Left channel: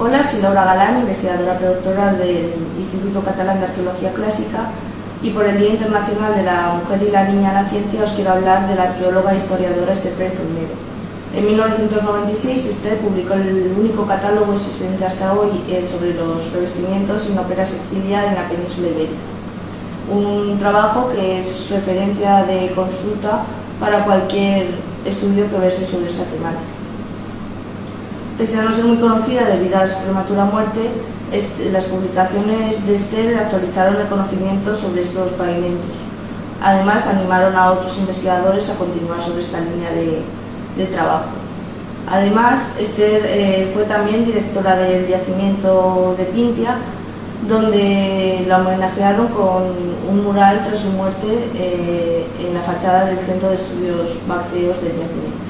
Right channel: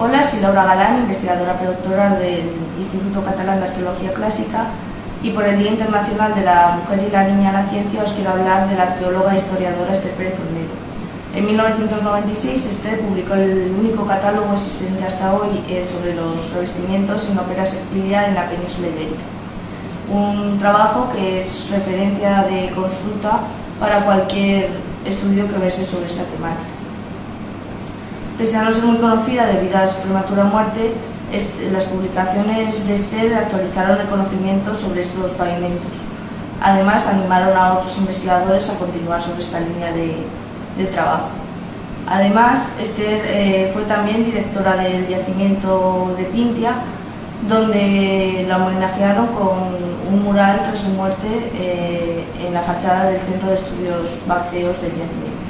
Hola, soy Laura Galán, investigadora predoctoral del Instituto Catalán de Arqueología Clásica, y por el Día Internacional de la Mujer y la Niña en la Ciencia os quiero hablar de la arqueóloga e historiadora Esther Pérez Olmedo. En 1996 Esther publicó el único catálogo existente hasta hoy sobre los revestimientos en ópera sectilia en la península ibérica. Un trabajo que es referencia de consulta para cualquier estudio que verse sobre esta temática. Pese a no ser muy conocida debido a su prematura muerte, las publicaciones de Esther actualizaron el conocimiento sobre estos pavimentos. Además, animaron a otros investigadores a continuar sobre esta línea de trabajo. Además, Esther fue también directora del yacimiento de Pintia, donde la homenajearon con un mural tras su muerte en la fachada del Centro de Estudios Vácteos del yacimiento.